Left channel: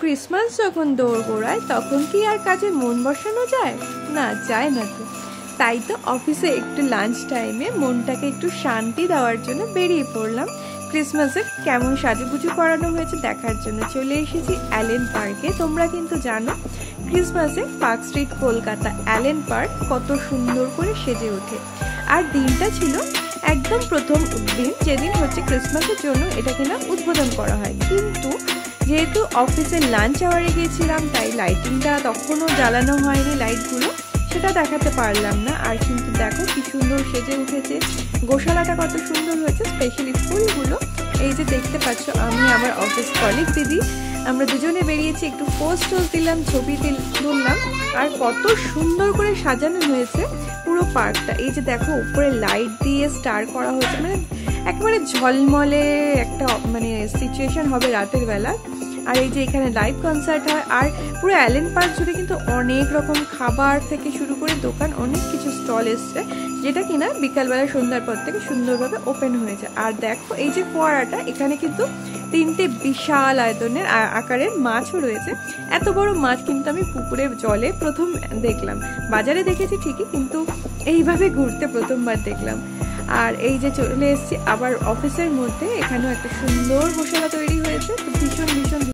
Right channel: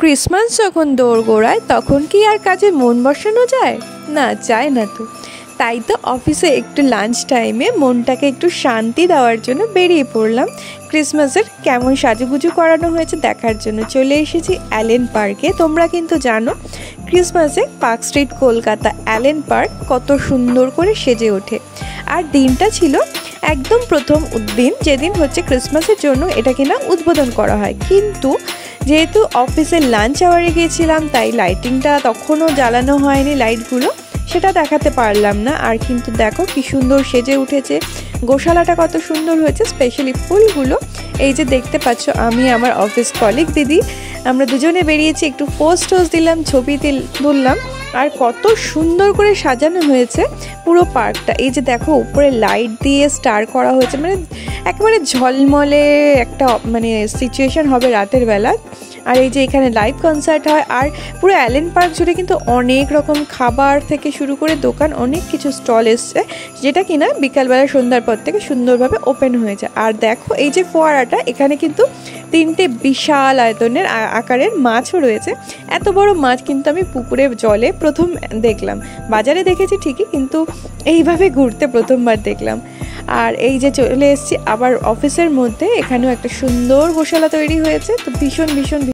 Christmas যখন দোরগোড়ায় তখন কি আর কাজে মন বসানো যায়? না, যায় না তো। তাই তো অফিসে একটু লাঞ্চ টাইমে মনটাকে একটু শান্তি দেওয়ার জন্য বেরিয়ে পড়লাম ক্রিসমাসের কেমন সাজুগুজু করানো হয়েছে দেখার জন্য। চলে এসেছি অ্যালেন পার্কে। তোমরা কিন্তু জানো ক্রিসমাসে park street Kolkata Allen park কত সুন্দর করে সেজে ওঠে। আর দিনটা ছিল একদম প্রথম দিন, যেদিন হচ্ছে ক্রিসমাসের জন্য এটা কিনা উদ্বোধন করা হয়। কিন্তু যেহেতু অফিসের লাঞ্চ আওয়ারে গিয়েছিলাম তাই লাইটিংটা তখনও জ্বালানো হয়নি, লাইটগুলো সেটা দেখাতে পারলাম না। আর কিন্তু দেখো কি সুন্দর সেজে উঠেছে, গোশালাটা কত সুন্দর হয়েছে, স্পেশালি ফুলগুলো। এই যে দেখতে পাচ্ছ, আমি আমার অফিস কলিগ দিদি আমরা দুজনে বেরিয়েছি, একটু পোস্ট দিলাম, ছবি তুললাম। আর কত সুন্দর করে সাজানো হয়েছে পুরো পার্কটা। এই যে দেখো উপরে লাইট দিয়ে স্টার করা হয়েছে, মানে একেবারে ঝলমলে একটা সিচুয়েশন হবে রাতের বেলা। আর এই যে এখানে লাইভ কনসার্ট হয়। আর পুরো অ্যালেন পার্ক জুড়ে কিন্তু অনেক রকম খাবার থেকে শুরু করে দোকান, অনেক কিছু স্টল এসছে, যেটা কিনা বিকালবেলা সন্ধ্যার পর থেকে সুন্দরভাবে ওপেন হয়ে যায়। আর দেখো এই যে ফোয়ারাটা, এখানে কিন্তু 3টে বিশাল আয়তনের আকারের মাছও রয়েছে। এত বড় মাছ কিন্তু আমি পুকুরে জলে প্রথম দেখলাম। বাজারে দেখেছি ঠিকই, কিন্তু এইভাবে ঘুরতে প্রথমবার দেখলাম। আর এই যে চলে এসেছি আবার অফিসের মধ্যে, এখানেও একটা সুন্দর গোশালা তৈরি হয়েছে। তো ভীষণ